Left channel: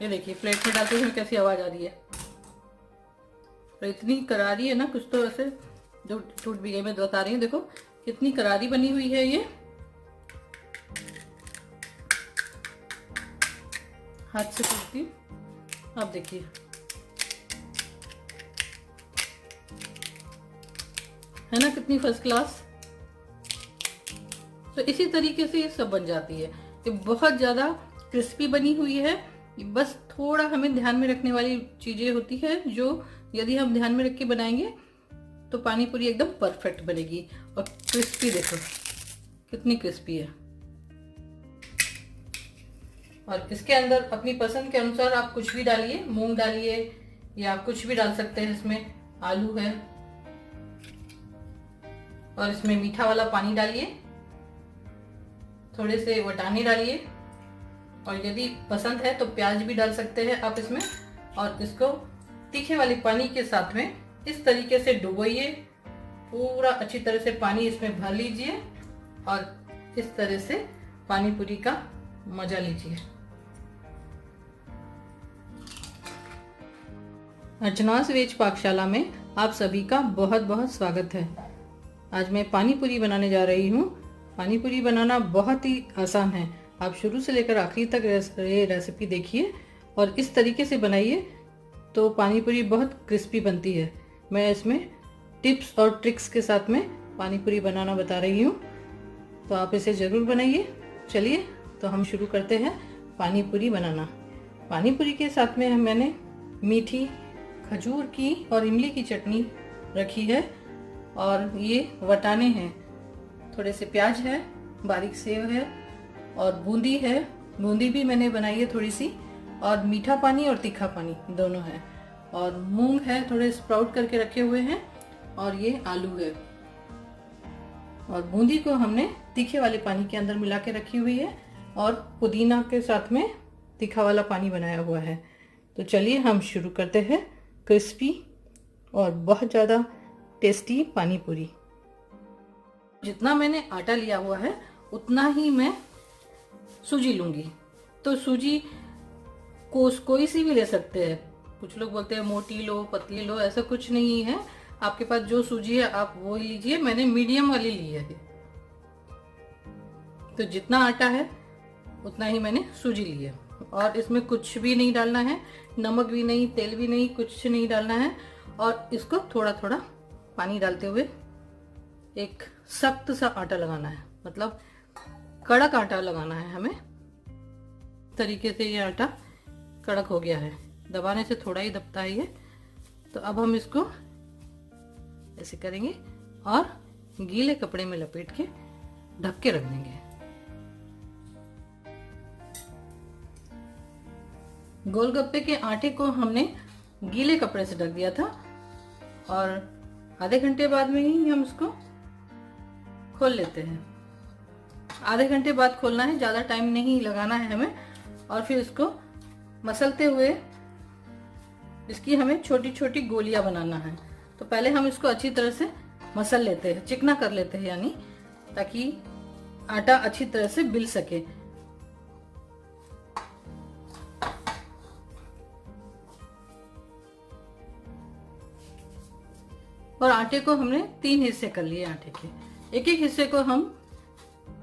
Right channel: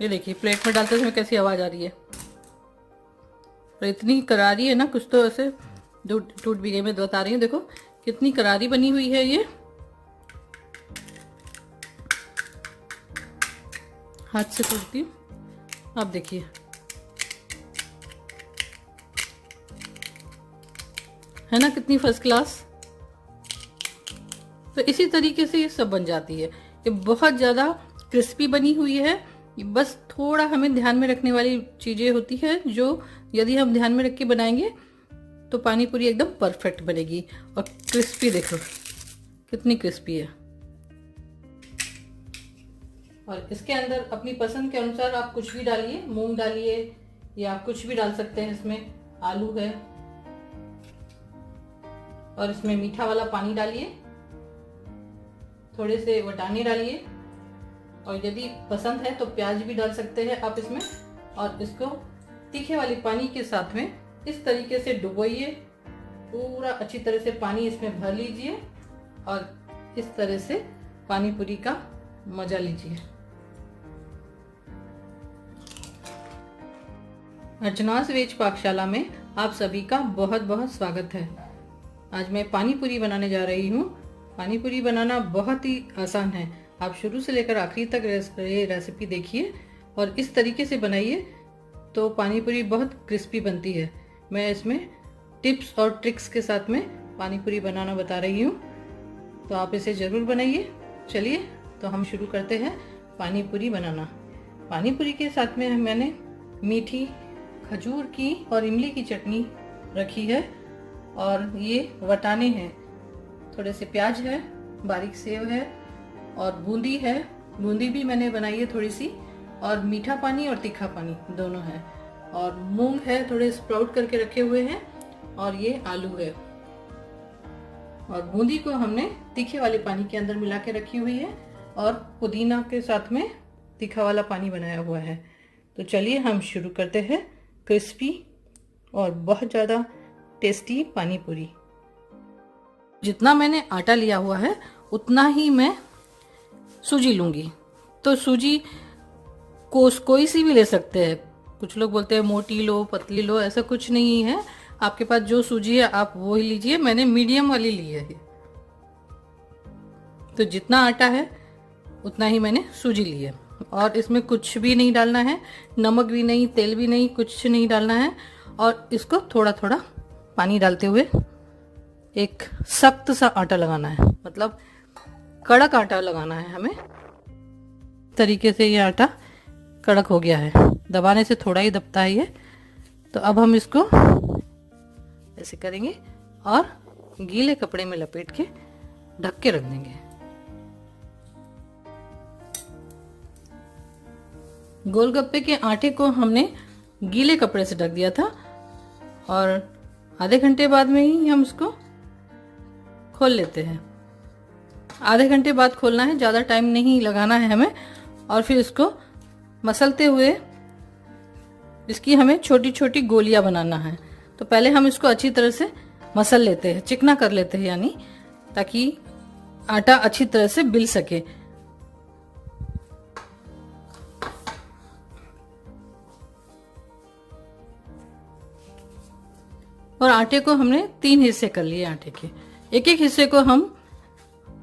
ये देखिए प्लेट में डालते समय कैसी आवाज़ आ रही है, और इतनी करारी है ना, कुछ तो ऐसे टूट भी गई। मैं बता रही हूँ, देखो कितनी करारी बनी हुई है ये, हाथ से टूटती हूँ। आप देखिए, है ना कितनी फर्स्ट क्लास। तो इसी तरीके से ये सब बन जाती है। ये बहुत ज़्यादा क्रिस्पी बनी हुई है। बस थोड़ा हमें ध्यान में रखने वाली चीज़ें होती है, जो यदि हम ध्यान में रख के बनाएंगे तो पानी पूरी एकदम परफेक्ट बनेगी। और क्रिस्पी देखो कितनी क्रिस्पी है। और इसके अंदर अपनी पसंद के अनुसार आप कुछ भी डालिए, मूंग डालिए या आप कुछ भी डाल सकते हैं। इसमें आलू है, और इसमें मीठा वाला पानी डालिए, थोड़े से वटाने डालिए, और यदि पसंद है तो प्याज भी डाल सकते हैं आप इसमें। और इसको तीखे वाले पानी के साथ में इस तरीके से डुबोइए, पूरा अच्छी तरह से पानी इसमें भर लीजिए, और इस तरह से पानी पूरी का मजा लीजिए। अर्चनास वेज पाकशाला में आप सभी का बहुत बहुत स्वागत है। आज मैं पानी पूरी बनाने जा रही हूँ। पानी पूरी बनाना बहुत ही आसान है। आप शुरू से लेकर आखिरी तक ये रेसिपी देखिए और इस तरीके से बनाइए तो पानी पूरी बहुत क्रिस्पी बनती है। मैं इसमें टिप्स और ट्रिक्स के साथ में पानी पूरी बनाना बता रही हूँ, तो आप इसे ज़रूर बनाइए। चलिए तो हम शुरू करते हैं पानी पूरी बनाना। पानी पूरी के साथ में मैंने मीठी खजूर की और इमली की चटनी रखी है, और ये वटाने हैं, थोड़े से प्याज है, बारीक सेव है, और बूंदी है। बूंदी भी मैंने बनाई है थोड़ी सी, और मीठा पानी और तीखा पानी दोनों है, और मूंग है, थोड़े स्प्राउट करके रखे हुए हैं, और ये आलू है। और बूंदी को हमने तीखे वाले पानी के अंदर मिला के रखी हुई है, और पुदीना के साथ में तीखा वाला पानी बनाया हुआ है। तो चलिए हम शुरू करते हैं क्रिस्पी और बहुत ज़्यादा टेस्टी पानी पूरी। जितना मैंने आटा लिया हुआ है उतना ही मैं सूजी लूँगी। तो सूजी कोई सी भी ले सकते हैं। कुछ लोग बोलते हैं मोटी लो, पतली लो, ऐसा कुछ नहीं है। आपके पास जो सूजी है आप वो ही लीजिए। मैंने मीडियम वाली ली है। तो जितना आटा है उतना ही मैंने सूजी ली है, और इसमें कुछ भी नहीं डालना है, नमक भी नहीं, तेल भी नहीं, कुछ नहीं डालना है। और इसको थोड़ा थोड़ा पानी डालते हुए एक सख्त सा आटा लगाना है, मतलब कड़क आटा लगाना है हमें। तरीके से ये आटा कड़क हो गया है, दबाने से थोड़ा ही दबता है ये। तो अब हम इसको ऐसे करेंगे और गीले कपड़े में लपेट के ढक के रख देंगे। गोलगप्पे के आटे को हमने गीले कपड़े से ढक दिया था, और आधे घंटे बाद में ही हम इसको खोल लेते हैं। आधे घंटे बाद खोलना है, ज़्यादा टाइम नहीं लगाना है हमें। और फिर इसको मसलते हुए इसकी हमें छोटी छोटी गोलियां बनाना है। तो पहले हम इसको अच्छी तरह से मसल लेते हैं, चिकना कर लेते हैं, यानी ताकि आटा अच्छी तरह से बिल सके। और आटे को हमने 3 हिस्से कर लिए आटे के। एक एक हिस्से को हम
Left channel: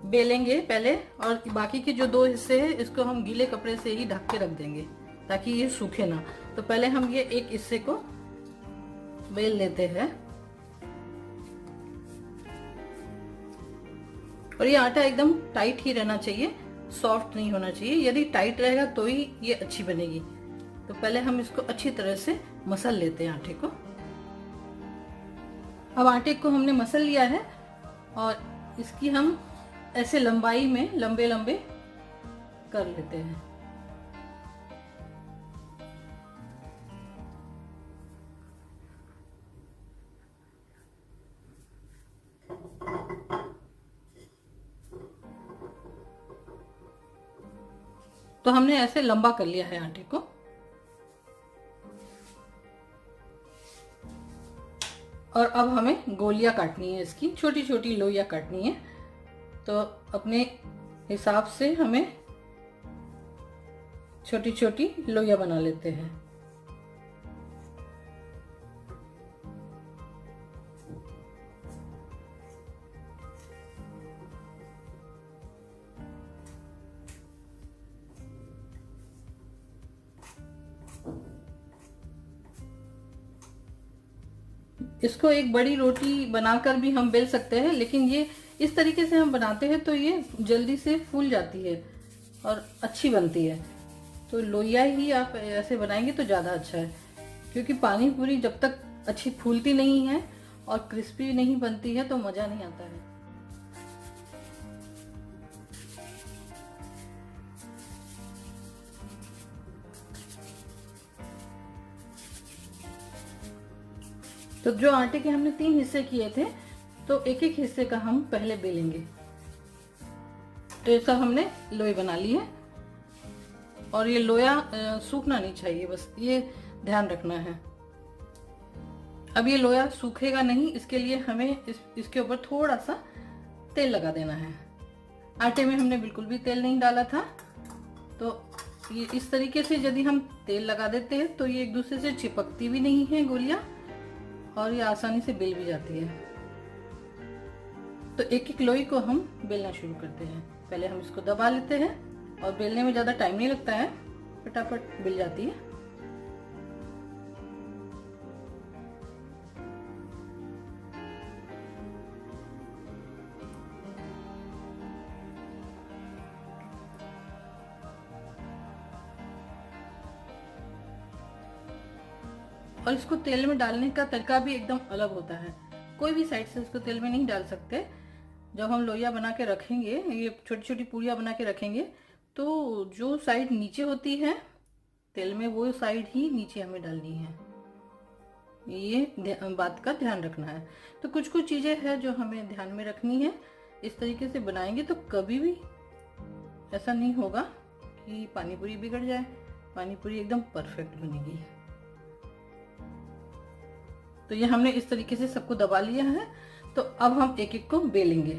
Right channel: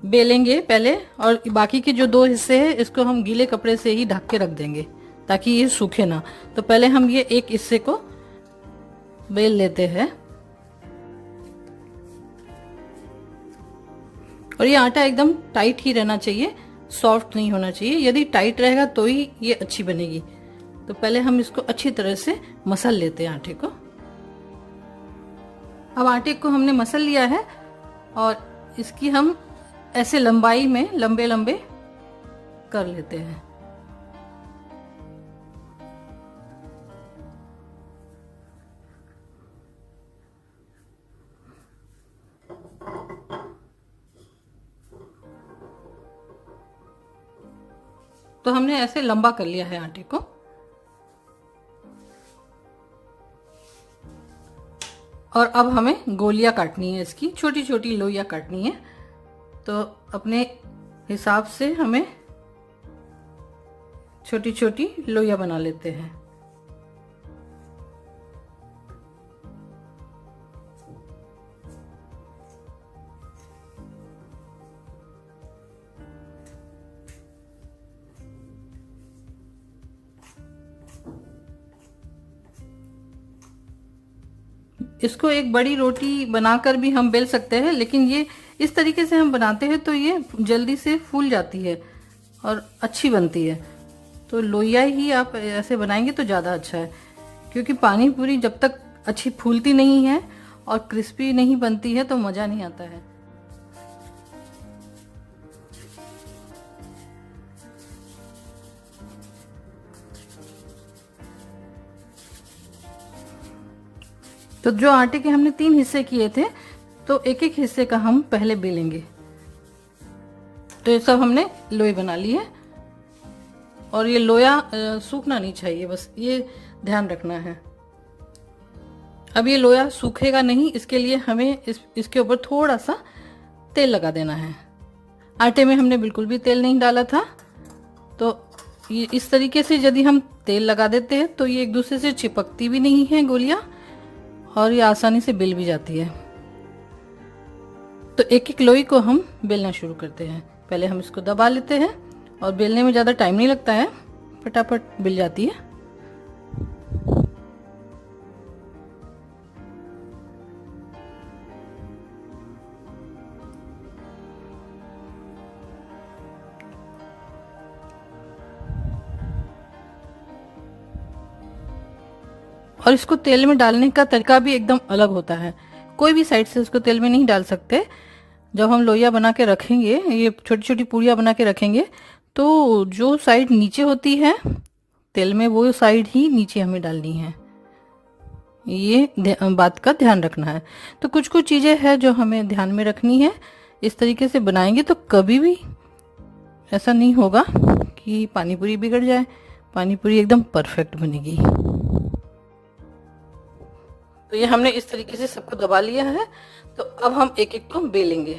बेलेंगे पहले, और बाकी के जो 2 हिस्से हैं इसको हम गीले कपड़े से ही ढक के रख देंगे ताकि ये सूखे ना। तो पहले हम ये एक हिस्से को बेल लेते हैं, और ये आटा एकदम टाइट ही रहना चाहिए, सॉफ्ट नहीं होना चाहिए। यदि टाइट रहेगा तो ही ये अच्छी बनेगी। तो पहले हम इसको अच्छी तरह से मसल लेते हैं आटे को। अब आटे को हमने मसल लिया है, और इसकी हम ऐसे लंबाई में लंबे लंबे कर लेते हैं। तो हमने ऐसे लंबा कर लिया है आटे को। और अब हमें गोलियां काटनी है, इसकी छोटी छोटी लोइयां काटनी है। तो अपने हिसाब से हमें छोटी छोटी लोइयां बना लेते हैं। इसको एक बड़ी रोटी बनाकर भी हम बेल सकते हैं, लेकिन ये इस तरीके से हम बनाते हैं तो ये जल्दी से फूल जाती है और अच्छी बनती है। तो लोइया ही आप ऐसे बनाएंगे तो ज़्यादा अच्छा है, क्योंकि पानी पूरी जब तक अच्छी फूलती नहीं है और क्रिस्पी नहीं बनती है तो मज़ा नहीं आता है। तो जो आटे के हमने 3 हिस्से किए थे, तो एक एक हिस्से का हम पहले बेलेंगे। तो ये सब हमने लोई बना ली है, और ये लोया सूखना नहीं चाहिए, बस ये ध्यान रखना है। अब ये लोया सूखेगा नहीं, इसके लिए हमें इसके ऊपर थोड़ा सा तेल लगा देना है। आटे में हमने बिल्कुल भी तेल नहीं डाला था, तो ये इस तरीके से यदि हम तेल लगा देते हैं तो ये एक दूसरे से चिपकती भी नहीं है गोलियां, और ये आसानी से बेल भी जाती है। तो एक एक लोई को हम बेलना शुरू करते हैं। पहले हम इसको दबा लेते हैं, और बेलने में ज़्यादा टाइम नहीं लगता है, फटाफट बेल जाती है। और इसको तेल में डालने का तरीका भी एकदम अलग होता है। कोई भी साइड से इसको तेल में नहीं डाल सकते। जब हम लोइया बना के रखेंगे, ये छोटी छोटी पूड़ियाँ बना के रखेंगे, तो जो साइड नीचे होती है तेल में, वो साइड ही नीचे हमें डालनी है। ये बात का ध्यान रखना है। तो कुछ कुछ चीज़ें हैं जो हमें ध्यान में रखनी है। इस तरीके से बनाएंगे तो कभी भी ऐसा नहीं होगा कि पानी पूरी बिगड़ जाए। पानी पूरी एकदम परफेक्ट बनेगी। तो ये हमने इस तरीके से सबको दबा लिया है। तो अब हम एक एक को बेलेंगे।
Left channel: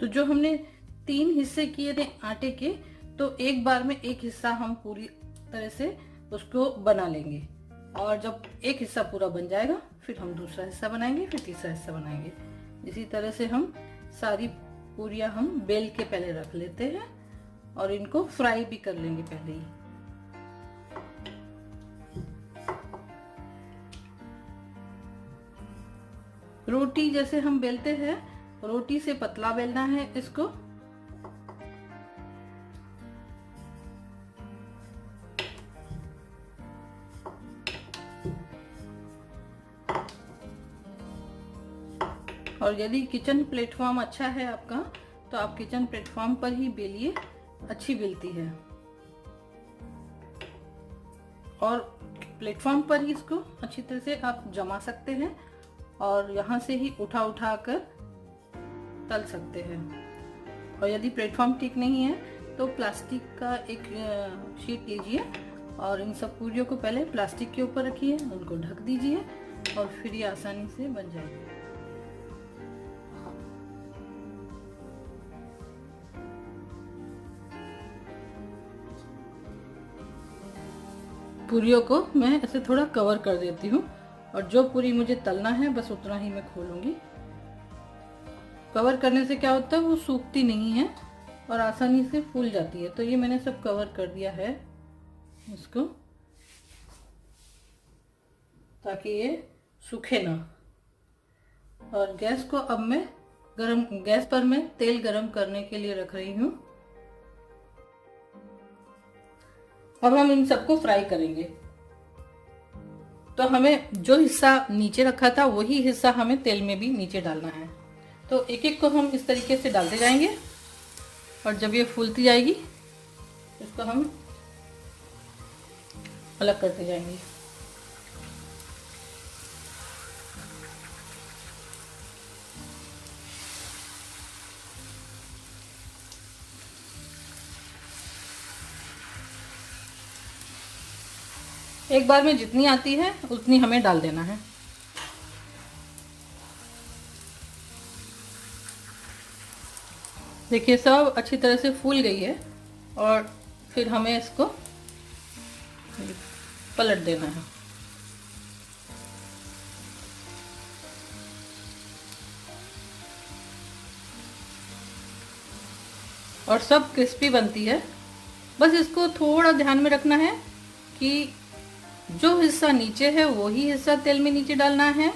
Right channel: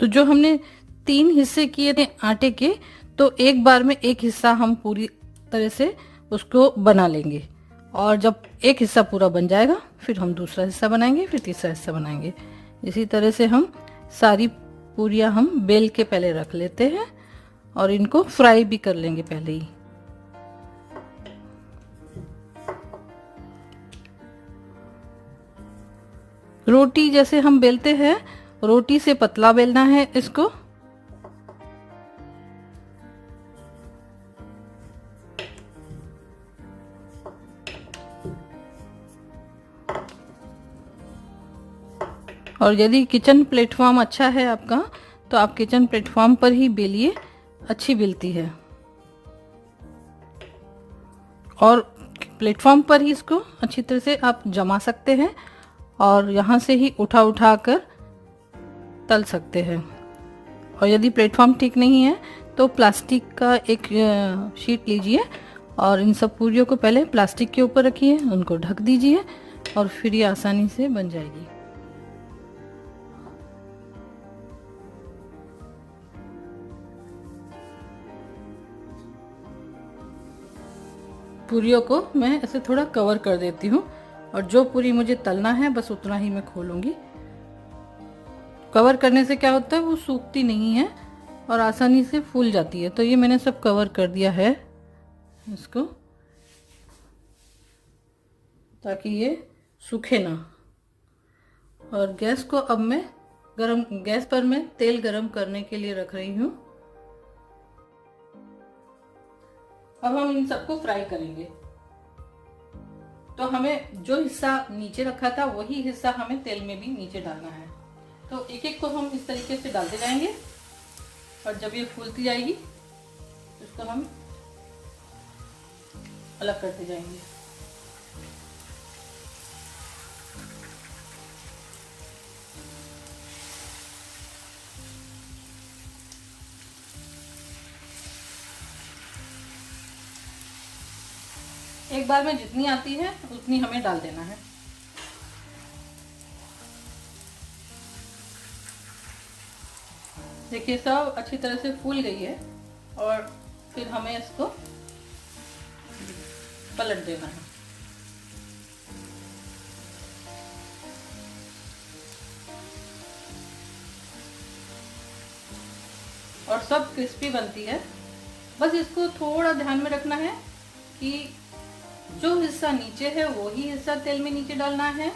तो जो हमने 3 हिस्से किए थे आटे के, तो एक बार में एक हिस्सा हम पूरी तरह से उसको बना लेंगे, और जब एक हिस्सा पूरा बन जाएगा फिर हम दूसरा हिस्सा बनाएंगे, फिर तीसरा हिस्सा बनाएंगे। इसी तरह से हम सारी पूरियां हम बेल के पहले रख लेते हैं, और इनको फ्राई भी कर लेंगे पहले ही। रोटी जैसे हम बेलते हैं, रोटी से पतला बेलना है इसको। और यदि किचन प्लेटफॉर्म अच्छा है आपका, तो आप किचन प्लेटफॉर्म पर ही बेलिए, अच्छी बेलती है। और प्लेटफॉर्म पर ही इसको अच्छी तरह से आप जमा सकते हैं, और यहाँ से ही उठा उठा कर तल सकते हैं। और यदि प्लेटफॉर्म ठीक नहीं है तो प्लास्टिक का एक शीट लीजिए, और इन सब पूरियों को पहले प्लास्टिक के ऊपर रखिए, उनको ढक दीजिए, और फिर ये आसानी से बन जाएगी। पूरियों को मैं ऐसे थोड़ा कवर कर देती हूँ, और जो पूरी मुझे तलना है बस उतना ही मैं खोलूँगी। कवर करने से क्या होता है, वो सूखती नहीं है और आसानी से फूल जाती है। तो ये मैंने सब कवर कर दिया है इसको, ताकि ये सूखे ना। और गैस को अब मैं गैस पर मैं तेल गरम करने के लिए रख रही हूँ। अब हम इन सबको फ्राई करेंगे। तो हमें जो हिस्सा नीचे रखा था वही हिस्सा हमें तेल में भी नीचे डालना है। तो एक एक को हम इस तरीके से डालते जाएंगे, और जब ये फूलती जाएगी इसको हम अलग करते जाएंगे। एक बार में जितनी आती है उतनी हमें डाल देना है। देखिए सब अच्छी तरह से फूल गई है और फिर हमें इसको पलट देना है। और सब क्रिस्पी बनती है। बस इसको थोड़ा ध्यान में रखना है कि जो हिस्सा नीचे है वही हिस्सा तेल में नीचे डालना है।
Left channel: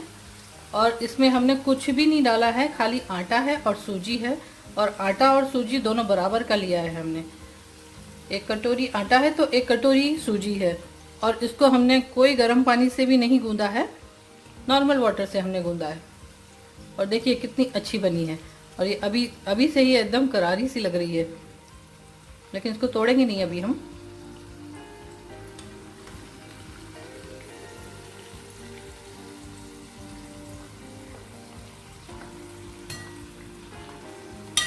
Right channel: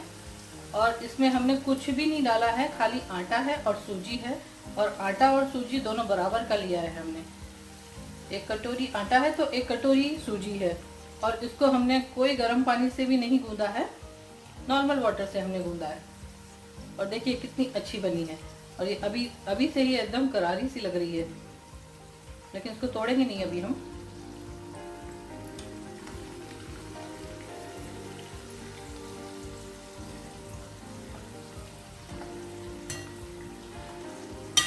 और इसमें हमने कुछ भी नहीं डाला है, खाली आटा है और सूजी है। और आटा और सूजी दोनों बराबर का लिया है हमने। 1 कटोरी आटा है तो 1 कटोरी सूजी है। और इसको हमने कोई गर्म पानी से भी नहीं गूंदा है, नॉर्मल वाटर से हमने गूंदा है। और देखिए कितनी अच्छी बनी है। और ये अभी अभी से ही एकदम करारी सी लग रही है, लेकिन इसको तोड़ेंगे नहीं अभी हम।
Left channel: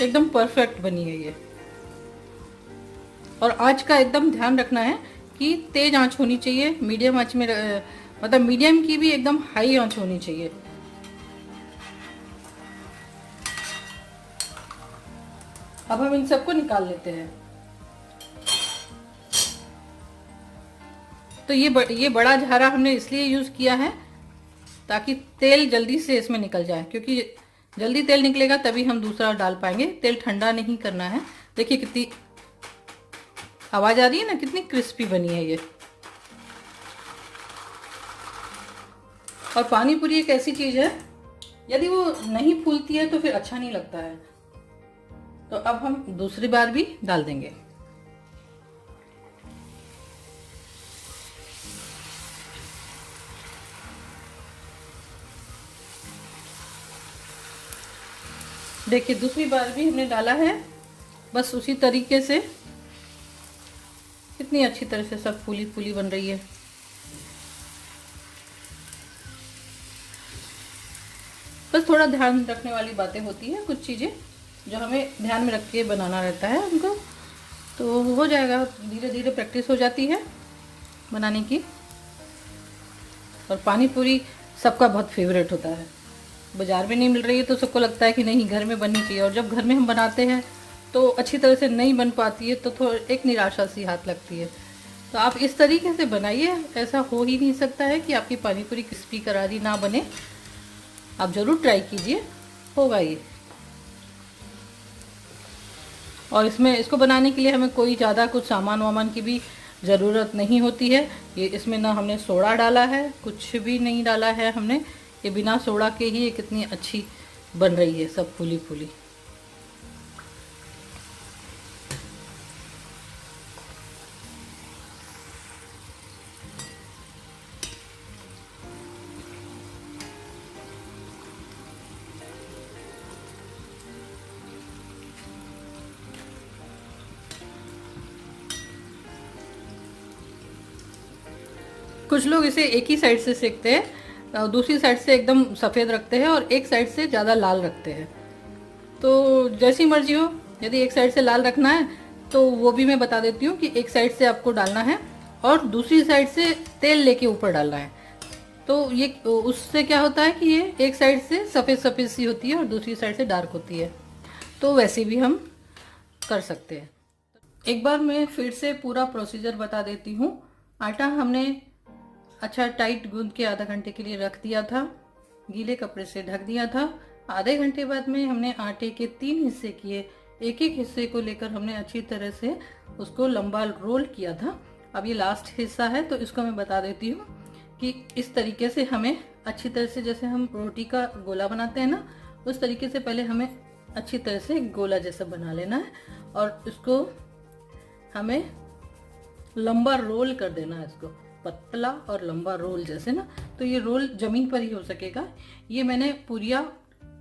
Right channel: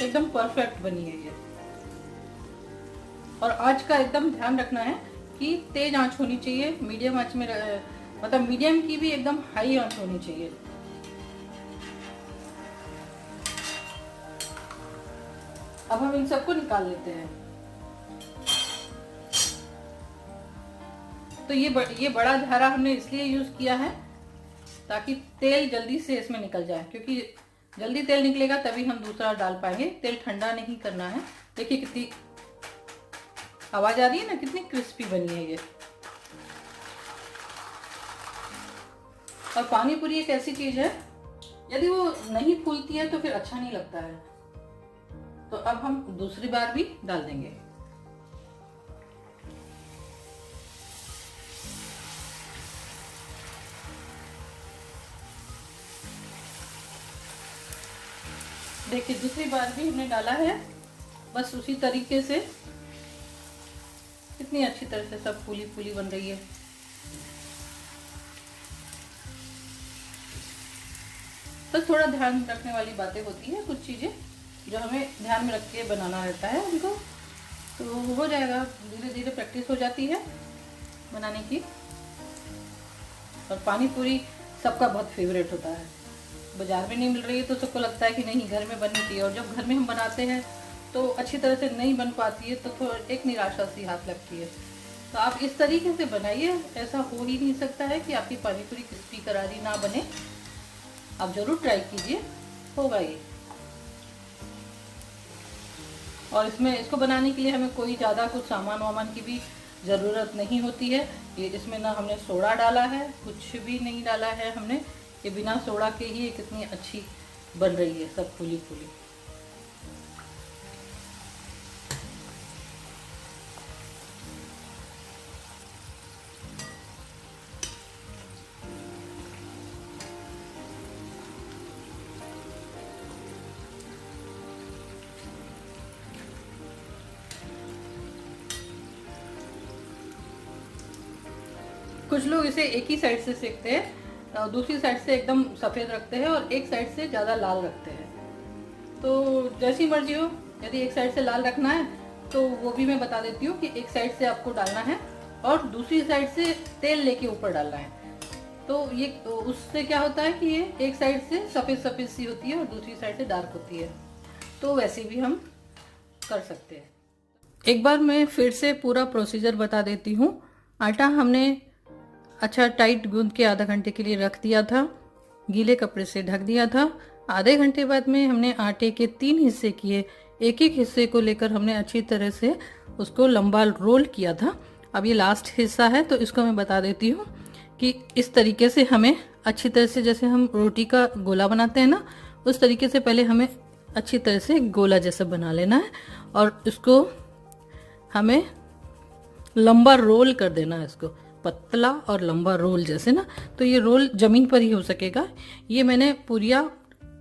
एकदम परफेक्ट बनी है ये। और आँच का एकदम ध्यान रखना है कि तेज आंच होनी चाहिए, मीडियम आंच में मतलब मीडियम की भी एकदम हाई आंच होनी चाहिए। अब हम इन सबको निकाल लेते हैं। तो ये बड़ा झारा हमने इसलिए यूज किया है ताकि तेल जल्दी से इसमें निकल जाए, क्योंकि जल्दी तेल निकलेगा तभी हम दूसरा डाल पाएंगे। तेल ठंडा नहीं करना है। देखिए कितनी आवाज आ रही है ना, कितनी क्रिस्पी बनी है ये। और पानी पूरी एक ऐसी चीज है, यदि वो नहीं फूलती है तो फिर अच्छा नहीं लगता है। तो अब हम दूसरी बार भी डाल देंगे। देखिए दूसरी बार भी हमने डाला है। बस उसी तरीके से कितनी अच्छी तरह से सब फूली फूली बन रही है। बस थोड़ा ध्यान रखने वाली बातें होती हैं, कुछ चीज़ें जो हमें ध्यान में रख के बनाना रहता है उनको, तो हो जाएगा। धीरे धीरे प्रैक्टिस हो जाती है बनाने की। और पानी पूरी सबका बहुत फेवरेट होता है। बाजार में नहीं मिल रही है तो सबको लगता है कि नहीं घर में बननी चाहिए। और जब घर में हम बनाते हैं तो अच्छी तरह से नहीं बन पाती है, तो थोड़ा एक निराशा सी हाथ लगती है। तो आप इस तरीके से बनाइए। ऐसा हो ही नहीं सकता है कि आपकी पानी पूरी क्रिस्पी करारी ना बने। आप ज़रूर ट्राई कीजिए, होगा ये। और इसमें इसको बनाने के लिए हमें कोई ज़्यादा कुछ सामान वामान की भी ज़रूरत नहीं होती है। ये इसमें ना हमने सोडा डाला है, कुछ भी नहीं डाला है हमने। ये बिना सोडा के ही ये कितनी अच्छी बन रही है, सब फूली फूली। कुछ लोग इसे एक ही साइड से सेकते हैं, दूसरी साइड से एकदम सफ़ेद रखते हैं और एक साइड से ज़्यादा लाल रखते हैं। तो जैसी मर्जी हो, यदि एक साइड से लाल रखना है तो वो भी मैं बता देती हूँ कि एक साइड से आपको डालना है और दूसरी साइड से तेल लेके ऊपर डालना है। तो ये उससे क्या होता है कि ये एक साइड से सफ़ेद सफ़ेद सी होती है और दूसरी साइड से डार्क होती है। तो वैसे भी हम कर सकते हैं। एक बार मैं फिर से पूरा प्रोसीजर बता देती हूँ। आटा हमने अच्छा टाइट गूंद के आधा घंटे के लिए रख दिया था, गीले कपड़े से ढक दिया था। आधे घंटे बाद में हमने आटे के 3 हिस्से किए। एक एक हिस्से को लेकर हमने अच्छी तरह से उसको लंबा रोल किया था। अब ये लास्ट हिस्सा है तो इसको मैं बता देती हूँ कि इस तरीके से हमें अच्छी तरह से, जैसे हम रोटी का गोला बनाते हैं ना, उस तरीके से पहले हमें अच्छी तरह से गोला जैसा बना लेना है। और इसको हमें लंबा रोल कर देना है, इसको पतला और लंबा रोल जैसे ना। तो ये रोल ज़मीन पर ही हो सकेगा। ये मैंने पूरिया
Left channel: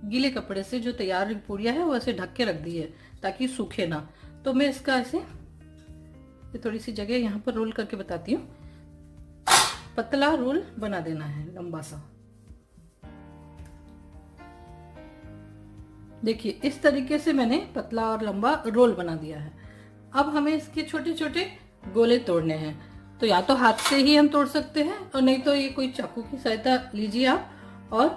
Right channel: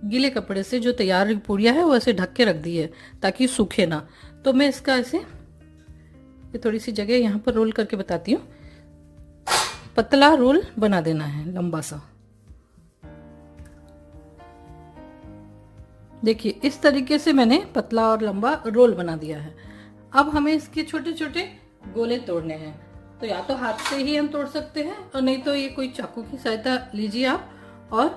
गीले कपड़े से जो तैयार पूरिया है वो ऐसे ढक के रख दी है ताकि सूखे ना। तो मैं इसका ऐसे ये थोड़ी सी जगह यहाँ पर रोल करके बताती हूँ। पतला रोल बना देना है, लंबा सा। देखिए इस तरीके से मैंने पतला और लंबा रोल बना दिया है। अब हमें इसके छोटे छोटे गोले तोड़ने हैं। तो या तो हाथ से ही हम तोड़ सकते हैं और नहीं तो ये कोई चाकू की सहायता लीजिए आप और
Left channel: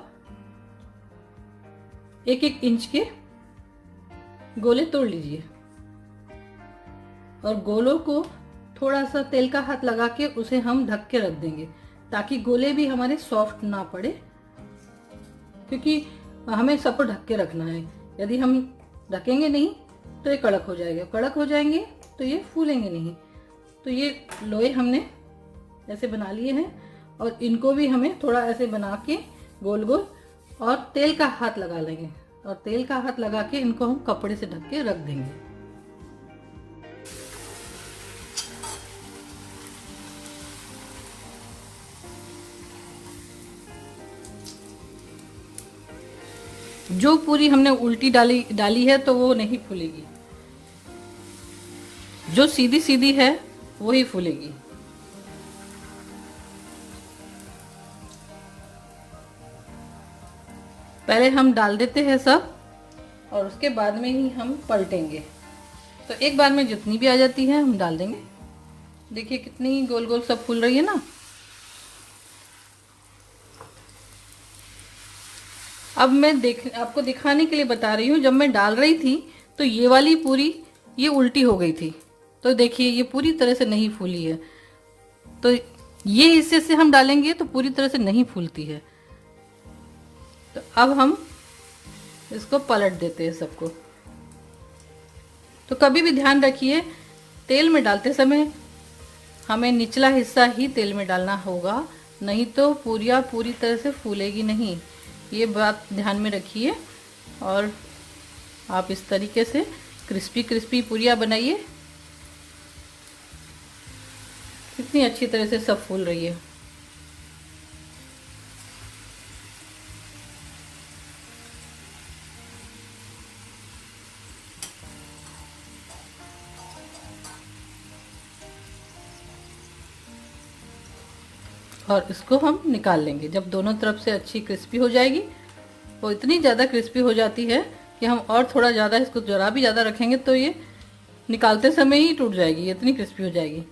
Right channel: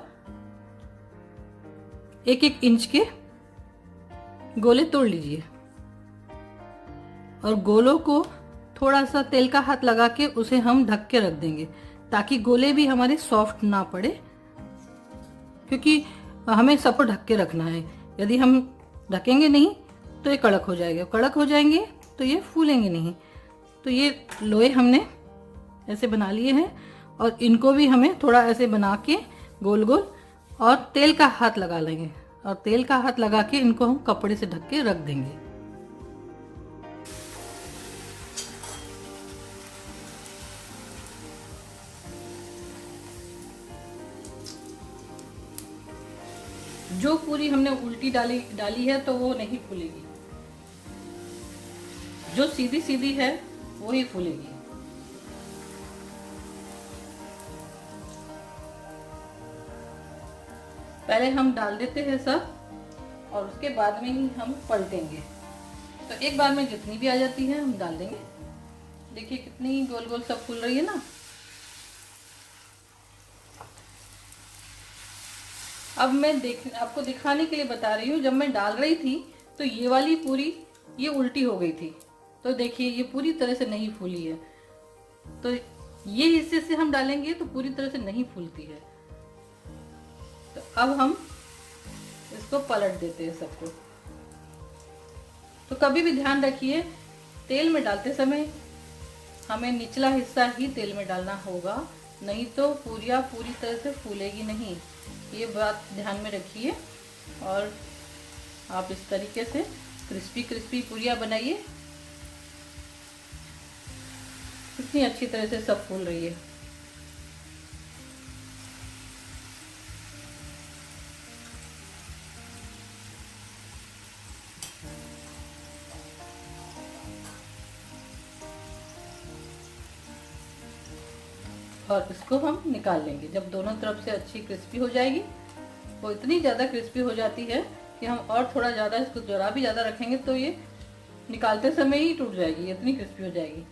1-1 इंच के गोले तोड़ लीजिए। और गोलों को थोड़ा सा तेल का हाथ लगा के उसे हम ढक के रख देंगे ताकि गोले भी हमारे सॉफ्ट ना पड़े, क्योंकि हमें सबको ढक के रखना है। यदि हम ढकेंगे नहीं तो ये कड़क हो जाएगा, कड़क हो जाएंगे तो ये फूलेंगे नहीं। तो ये लोए हमने ऐसे बना लिए हैं और इनको भी हमें थोड़ा ऐसे बना के गोल गोल और तेल का हाथ लगा लेंगे और तेल का हाथ लगा के इनको हम कपड़े से ढक के रख देंगे। जो पूरी हमने उल्टी डाली है तो वो नहीं फूलेगी, जो सीधी सीधी है वही फूलेगी। पहले हम डाल देते हैं सब और उसके बाद में ही हम पलटेंगे। तो एक बार में जितनी भी आ जाती है हम डाल देंगे। देखिए कितनी गोल गोल सब फूल रही है ना। अब मैं आपको दिखाने के लिए बता रही हूँ, जब मैं डाल रही थी तो ये वाली पूरी ये उल्टी हो गई थी। तो देखिए ये पूरी तरह से नहीं फूली है। तो ये हिस्से से हम डालेंगे तो पूरी तरह से नहीं फूलती है। तो अब हम इसको पलट देते हैं सबको। तो कभी भी ध्यान रखिए तेल में डालते समय हमें निचला हिस्सा ही तेल में डालना होगा, नहीं तो पूरियाँ पूरी तरह से फूलेगी नहीं। ये बात ध्यान में रखिए और आप इस तरीके से क्रिस्पी क्रिस्पी पूरियाँ बनाइए। कितनी अच्छी तरह से सब फूल रही है। और इसको हम निकाल लेंगे। जब दोनों तरफ से अच्छी क्रिस्पी हो जाएगी, वो इतनी ज़्यादा क्रिस्पी हो जाती है कि हम और थोड़ा ज़्यादा इसको जरा भी ज़्यादा रखेंगे तो ये निकालते समय ही टूट जाएगी, इतनी क्रिस्पी हो जाएगी।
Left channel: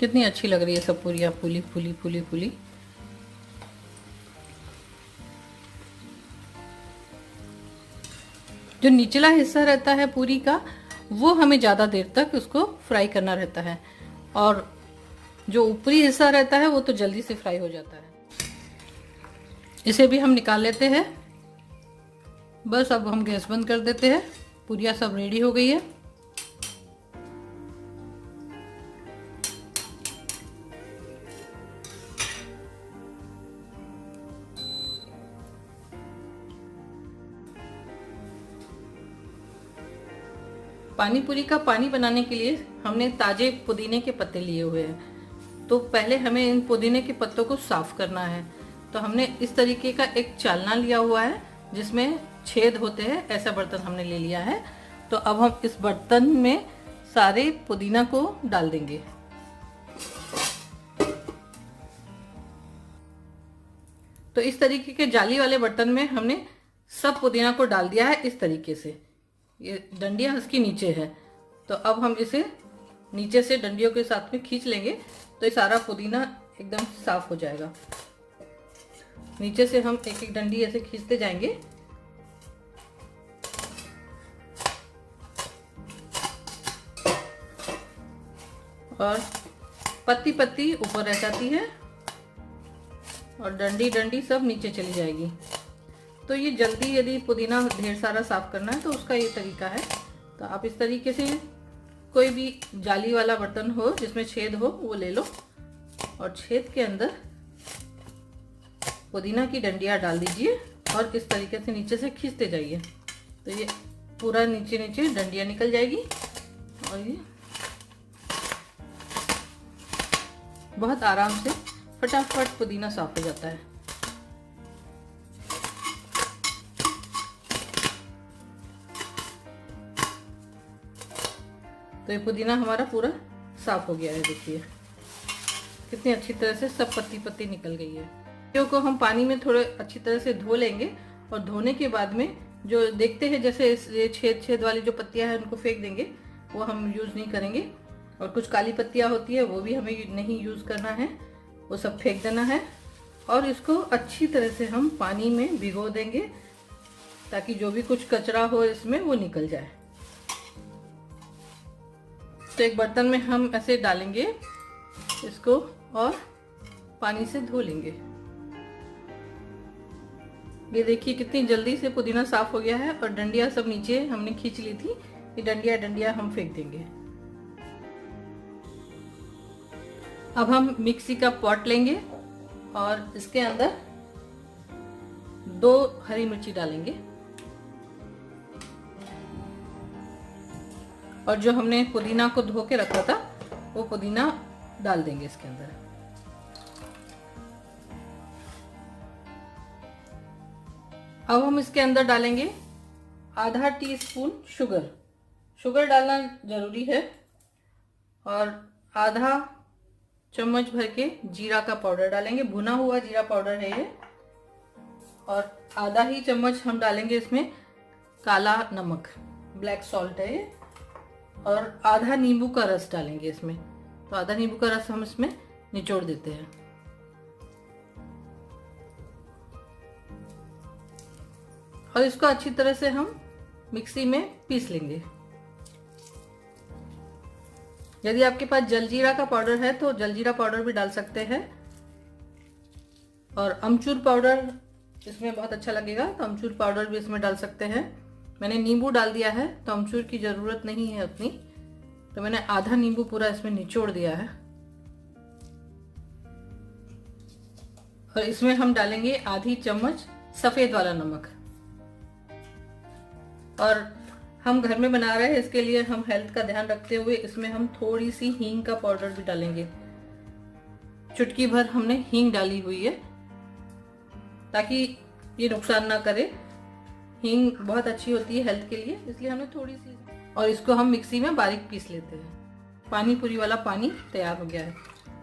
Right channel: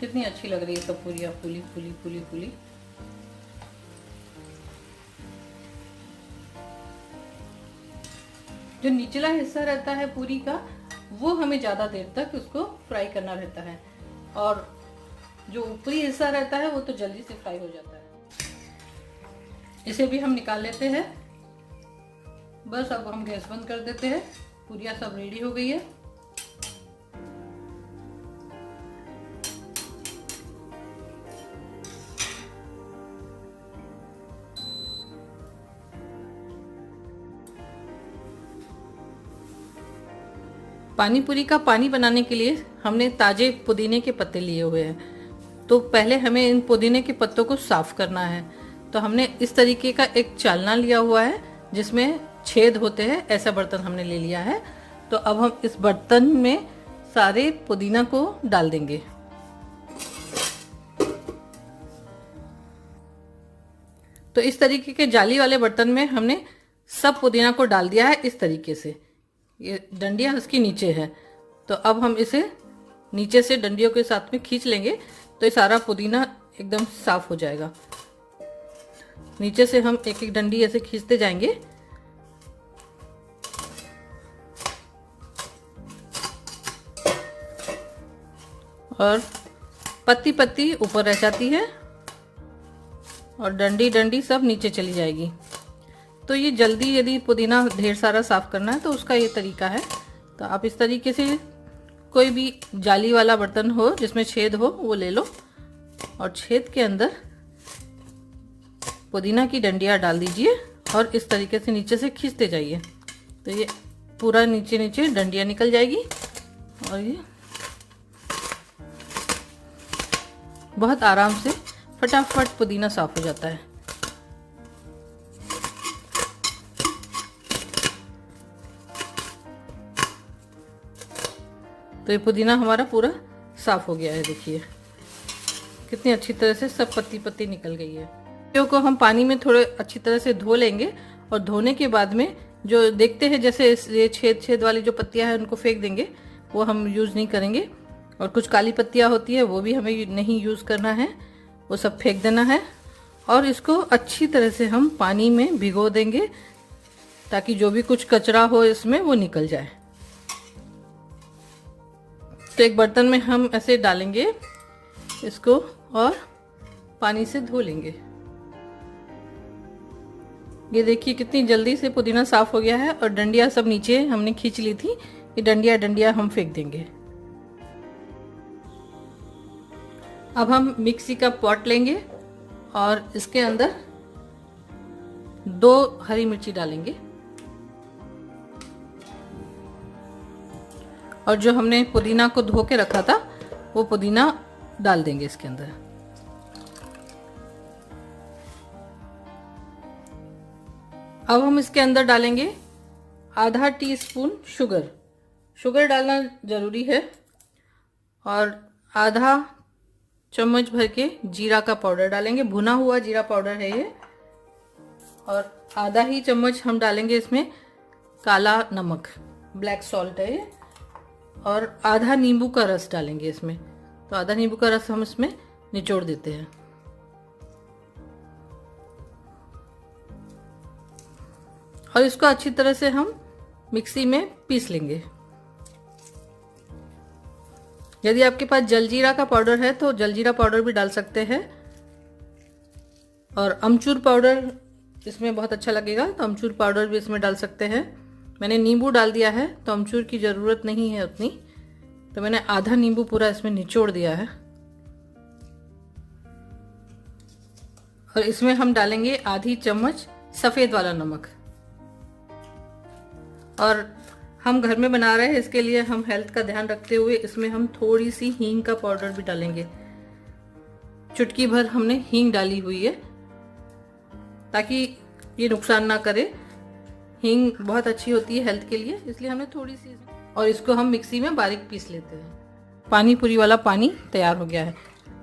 कितनी अच्छी लग रही है सब पूरियाँ, फूली फूली फूली फूली। जो निचला हिस्सा रहता है पूरी का वो हमें ज़्यादा देर तक उसको फ्राई करना रहता है और जो ऊपरी हिस्सा रहता है वो तो जल्दी से फ्राई हो जाता है। इसे भी हम निकाल लेते हैं। बस अब हम गैस बंद कर देते हैं। पूरियाँ सब रेडी हो गई है। पानी पूरी का पानी बनाने के लिए हमने ताजे पुदीने के पत्ते लिए हुए हैं। तो पहले हमें इन पुदीने के पत्तों को साफ करना है। तो हमने इस तरीके का एक चालना लिया हुआ है जिसमें छेद होते हैं, ऐसा बर्तन हमने ले लिया है। तो अब हम इस बर्तन में सारे पुदीना को डाल देंगे। तो इस तरीके के जाली वाले बर्तन में हमने सब पुदीना को डाल दिया है। इस तरीके से ये डंडियाँ इसकी नीचे है। तो अब हम इसे नीचे से डंडियों के साथ में खींच लेंगे तो ये सारा पुदीना एकदम साफ हो जाएगा। नीचे से हम एक एक डंडी ऐसे खींचते जाएंगे। और पत्ती पत्ती ऊपर रह जाती है और डंडी डंडी सब नीचे चली जाएगी। तो ये जल्दी यदि पुदीना ढेर सारा साफ करना है तो उसका ये तरीका है। तो आप इस तरीके से कोई भी जाली वाला बर्तन हो जिसमें छेद हो वो ले लो और छेद के अंदर पुदीना की डंडियाँ डाल दीजिए और इस तरीके से नीचे से खींचते जाइए। तो ये पूरा नीचे नीचे डंडियाँ निकल जाएगी और ये बहुत आराम से फटाफट पुदीना साफ हो जाता है। तो ये पुदीना हमारा पूरा साफ हो गया है। देखिए कितनी अच्छी तरह से सब पत्ती पत्ती निकल गई है। पत्तियों को हम पानी में थोड़े अच्छी तरह से धो लेंगे और धोने के बाद में जो देखते हैं जैसे ये छेद छेद वाली जो पत्तियां हैं उनको फेंक देंगे, वो हम यूज़ नहीं करेंगे। और कुछ काली पत्तियाँ होती है वो भी हमें नहीं यूज़ करना है, वो सब फेंक देना है। और इसको अच्छी तरह से हम पानी में भिगो देंगे ताकि जो भी कुछ कचरा हो इसमें वो निकल जाए। तो एक बर्तन में हम ऐसे डालेंगे इसको और पानी से धो लेंगे। ये देखिए कितनी जल्दी से पुदीना साफ हो गया है और डंडियाँ सब नीचे हमने खींच ली थी, ये डंडियाँ हम फेंक देंगे। अब हम मिक्सी का पॉट लेंगे और इसके अंदर 2 हरी मिर्ची डालेंगे और जो हमने पुदीना को धो के रखा था वो पुदीना डाल देंगे इसके अंदर। अब हम इसके अंदर डालेंगे आधा टीस्पून शुगर। शुगर डालना ज़रूरी है। और आधा चम्मच भर के जीरा का पाउडर डालेंगे, भुना हुआ जीरा पाउडर है ये। और आधा ही चम्मच हम डालेंगे इसमें काला नमक, ब्लैक सॉल्ट है ये। और आधा नींबू का रस डालेंगे इसमें, तो आधा नींबू का रस हम इसमें निचोड़ देते हैं। और इसको अच्छी तरह से हम मिक्सी में पीस लेंगे। यदि आपके पास जलजीरा का पाउडर है तो जलजीरा पाउडर भी डाल सकते हैं। और अमचूर पाउडर इसमें बहुत अच्छा लगेगा, तो अमचूर पाउडर भी इसमें डाल सकते हैं। मैंने नींबू डाल दिया है तो अमचूर की ज़रूरत नहीं है उतनी, तो मैंने आधा नींबू पूरा इसमें निचोड़ दिया है। और इसमें हम डालेंगे आधी चम्मच सफ़ेद वाला नमक। और हम घर में बना रहे हैं, इसके लिए हम हेल्थ का ध्यान रखते हुए इसमें हम थोड़ी सी हींग का पाउडर भी डालेंगे। चुटकी भर हमने हींग डाली हुई है ताकि ये नुकसान ना करे। हींग बहुत अच्छी होती है हेल्थ के लिए, इसलिए हमने थोड़ी सी। और इसको हम मिक्सी में बारीक पीस लेते हैं। पानी पूरी वाला पानी तैयार हो गया है,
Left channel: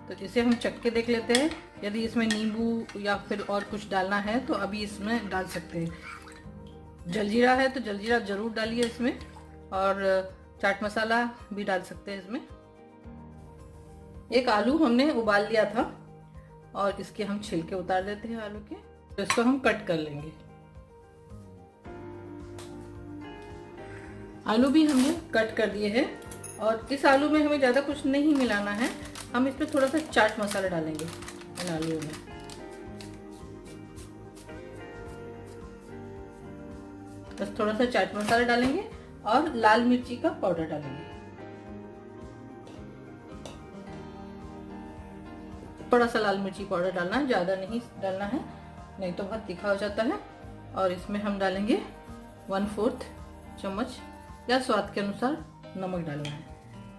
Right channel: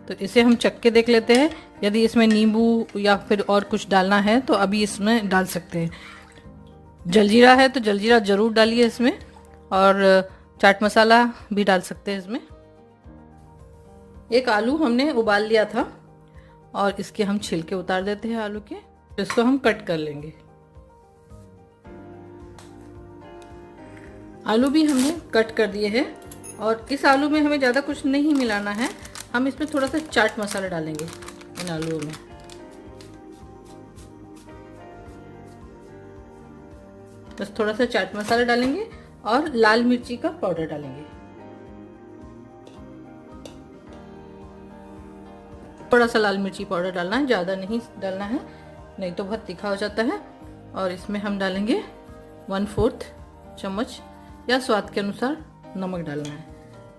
तो इसे हम चख के देख लेते हैं। यदि इसमें नींबू या फिर और कुछ डालना है तो अभी इसमें डाल सकते हैं। जलजीरा है तो जलजीरा ज़रूर डालिए इसमें, और चाट मसाला भी डाल सकते हैं इसमें। एक आलू हमने उबाल लिया था और इसके हम छिलके उतार देते हैं आलू के। इसको हम कट कर लेंगे। आलू भी हमने कट कर दिए हैं। और इस आलू में हमें ज़्यादा कुछ नहीं मिलाना है, हम इसमें थोड़ा सा चाट मसाला डालेंगे इन आलूओं में। बस थोड़ा सा चाट मसाला डालेंगे और लाल मिर्ची का पाउडर डालेंगे। थोड़ा सा लाल मिर्ची पाउडर डालना है, ज़्यादा नहीं डालना है, नहीं तो बहुत तीखा हो जाता है। और इसमें हम डालेंगे 1/4 चम्मच या स्वाद के अनुसार नमक डालना है।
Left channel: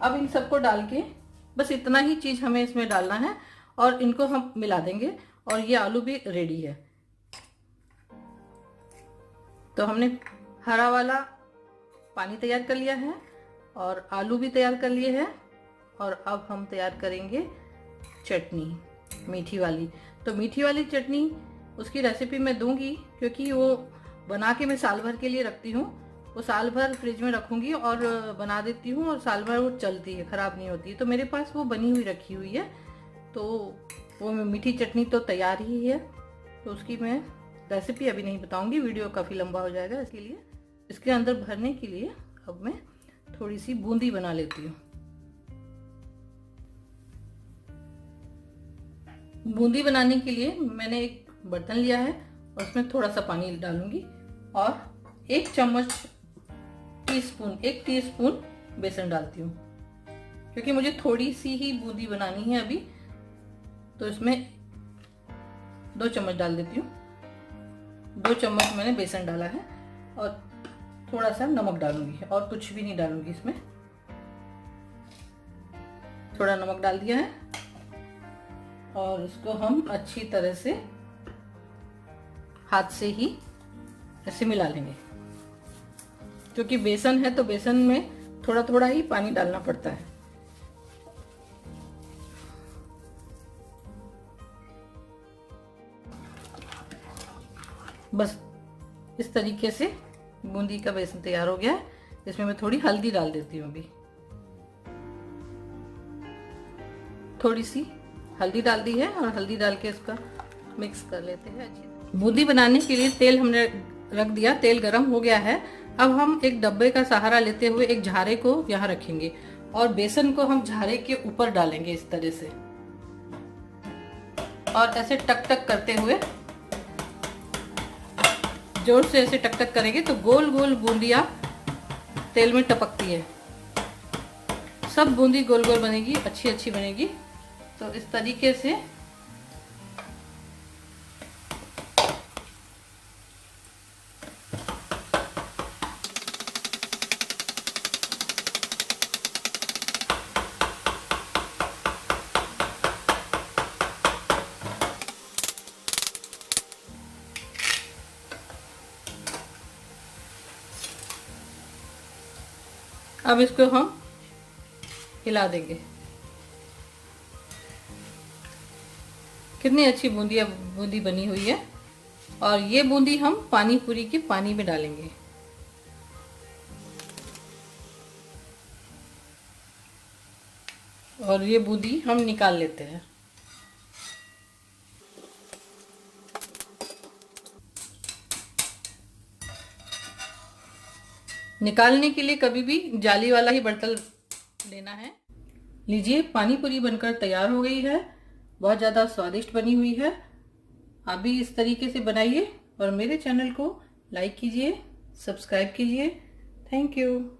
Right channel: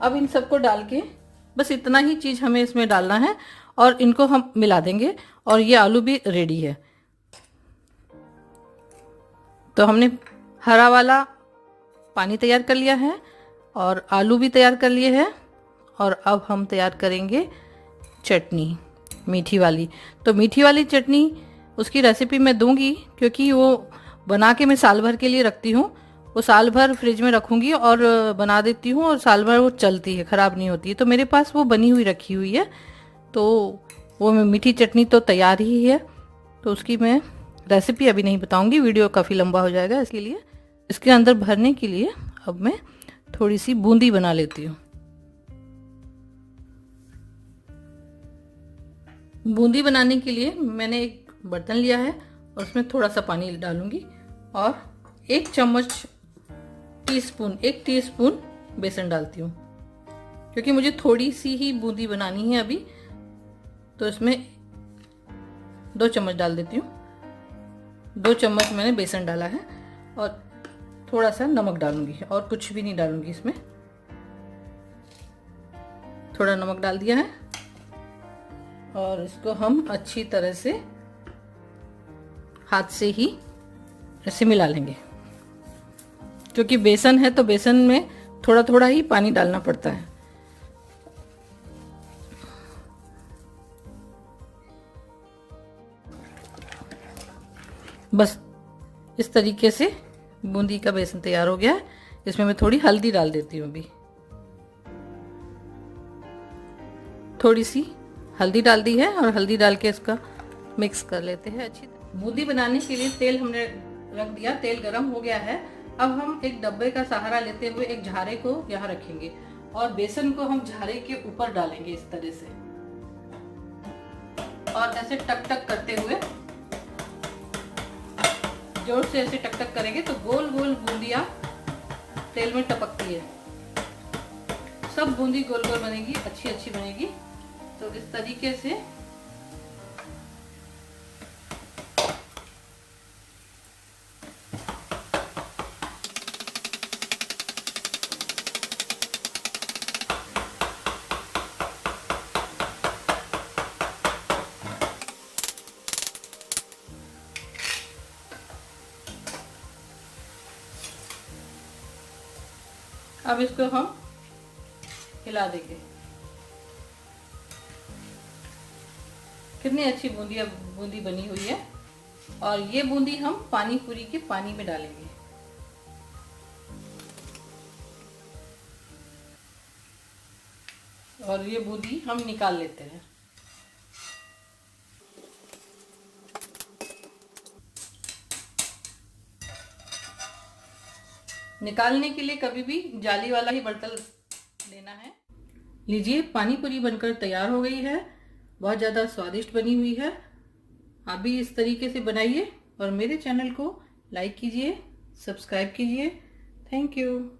अब इन सबको डाल के बस इतना ही चीज़ हमें इसमें डालना है और इनको हम मिला देंगे और ये आलू भी रेडी है। तो हमने हरा वाला पानी तैयार कर लिया है और आलू भी तैयार कर लिए हैं। और अब हम तैयार करेंगे चटनी, मीठी वाली। तो मीठी वाली चटनी उसकी रेसिपी मैं दूंगी, क्योंकि वो बना के मैं साल भर के लिए रखती हूँ। वो साल भर फ्रिज में रखूँगी और बना देती हूँ और साल भर वो चलती है, ख़राब नहीं होती है। तो मेरे पास वो बनी हुई रखी हुई है, तो वो मीठी चटनी तो तैयार ही है। तो उसकी मैं रेसिपी अभी नहीं बताऊंगी, वीडियो काफ़ी लंबा हो जाएगा। इसके लिए इसके अंदर भरने के लिए अब मैं थोड़ी सी बूंदी बना लेती हूँ। बूंदी बनाने के लिए मैंने एक बर्तन लिया है और उसमें थोड़ा सा पानी डालूंगी और 1 टीस्पून बेसन डालती हूँ, क्योंकि मुझे थोड़ी सी ही बूंदी बनानी है अभी। तो इसमें 2 चम्मच डाल देती हूँ। 2 चम्मच मैंने बेसन डाला है और थोड़ा सा नमक डालूंगी और कुछ भी नहीं डालूंगी इसमें। थोड़ा नमक डाल दिया है और इसको हम अच्छी तरह से हाथ से ही ऐसे मिला लेंगे, क्योंकि बेसन है तो बेसन में थोड़ा थोड़ा ही पानी डालना पड़ता है। बस इस तरीके से बूंदी का बेसन तैयार हो गया है। इसमें मैं थोड़ी हल्दी डाल देती हूँ अभी। थोड़ी सी हल्दी डाल दी है और हल्दी डाल के इसका मिक्स कर लेते हैं अच्छी। बूंदी बनाने के लिए तेल हमने रख दिया, तेल गरम हो गया है। अब हम एक डब्बे का सहारा लेते हुए एक झारे को यहाँ रखेंगे और बेसन को हम झारे के ऊपर डालेंगे इस तरह से, और ऐसे टक टक करते हुए जोर से ऐसे टक टक करेंगे तो गोल गोल बूंदियां तेल में टपकती है। सब बूंदी गोल गोल बनेगी, अच्छी अच्छी बनेगी। तो इस तरीके से अब इसको हम हिला देंगे। कितनी अच्छी बूंदी बनी हुई है। और ये बूंदी हम पानी पूरी के पानी में डालेंगे। और ये बूंदी हम निकाल लेते हैं। निकालने के लिए कभी भी जाली वाला ही बर्तन लेना है। लीजिए, पानी पूरी बनकर तैयार हो गई है। बहुत ज़्यादा स्वादिष्ट बनी हुई है। आप भी इस तरीके से बनाइए और मेरे चैनल को लाइक कीजिए, सब्सक्राइब कीजिए। Thank you.